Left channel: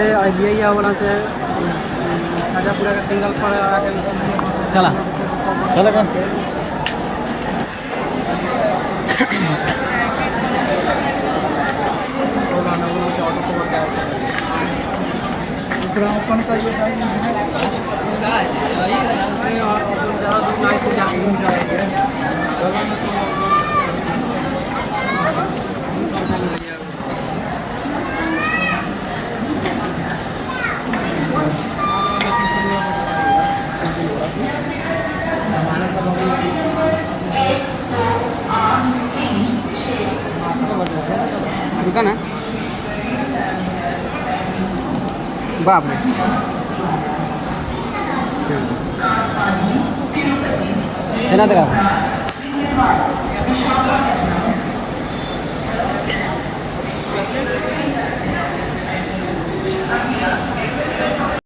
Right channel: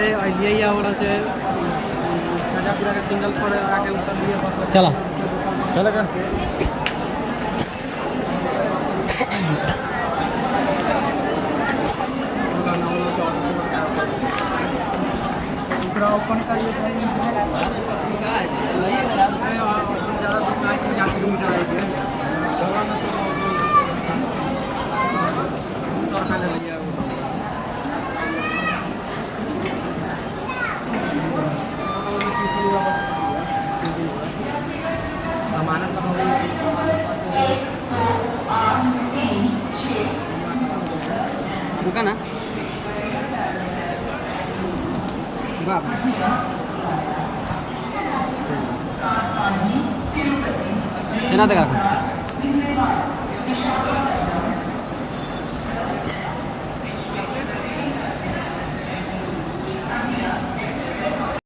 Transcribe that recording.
idea वाला से खाजापुरा का सिंगल पर आके उतर लिया चला चला कर ओला ना से ऑटो पकड़ के ओपन का ये ज़्यादा दूर नहीं तो जाके घूम जाएंगे डोला में तो 200 रुपये ले लिया सामान सब हो गई रुका ना बाप रे देखा